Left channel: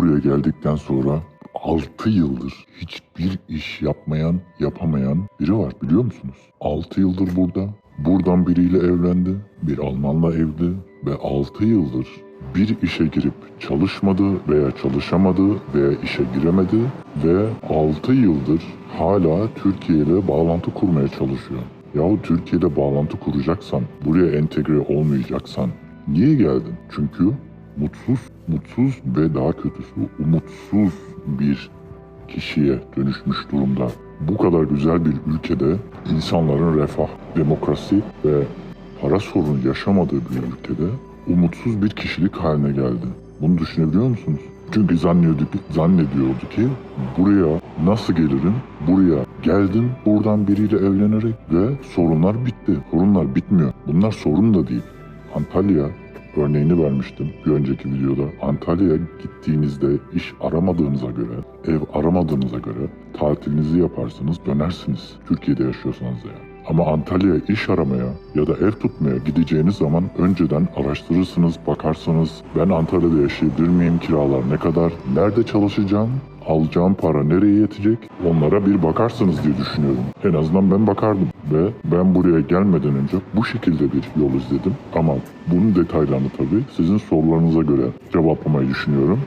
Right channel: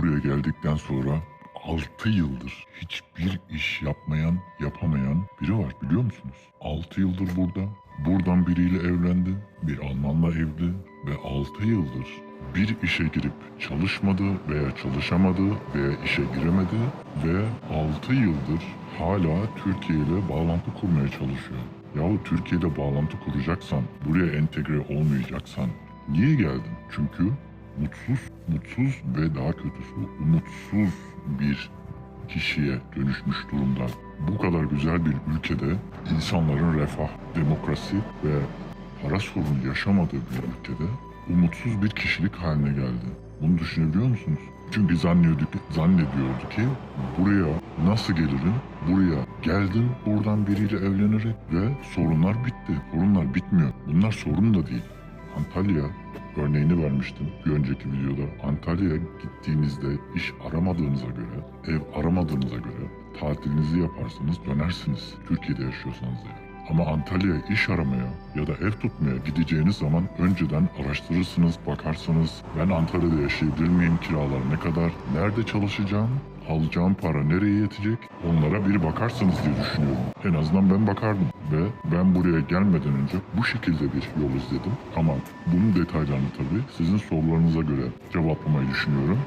buraya geldikten sonra 6 yıldır hiçbir iş yapmayan, yapamayan biri var biliyor musunuz? 6 yıldır burada. Buradan biriyle evlendi. Bir Almanla evli ve 6 yıldır bir işe girip çalışmadı veya çalışamadı veya işe giremedi ve 6 yıldır hala Türkiye ile bağlantı kurmaya çalışıyor. Yahu Türkiye'de bağlantı kuracaksan, buraya entegre olmayacaksan niye geldin? Çünkü mutsuz, mutsuz ve daha kötüsü umutsuz bir kişiye dönüşmüş durumda. Bu kadar güzel bir ülkede insanların refah, demokrasi ve para sorunu yaşamadığı bir ülkede umutsuz bir kişilik haline geldi. Bunu düşünebiliyor musunuz? Çünkü zannediyorduk, zannediyordu ki buraya nasıl gelirim? Buraya geldim buradan biriyle evlenerek ve sorunlar bitti. Sorunlar bitmiyor. Bunlar sorun da değil. Antalya örneğini vermiştim bir önceki videoda. Antalya'ya gittiğinizde iş aramadığınıza göre, ev aramadığınıza göre tatilinizi yaparsınız, dönersiniz. Türkiye'de yaşıyorsanız yani. Ama Antalya'ya iş aramaya ya da ev tutmaya gideceğiniz zaman önceden araştırırsınız, bakarsanız ben Antalya'da yaşayabilir miyim, kiralar ne kadar, nerede çalışacağım, alacağım para nereye yetecek onlara bir bakarsınız diye düşünüyorum. En azından ben bakardım ve ben buraya gelmeden önce bu şekilde bir yol izledim. Ama bunun detaylarını tabii sizin sorularınıza göre cevaplamayı düşünüyorum.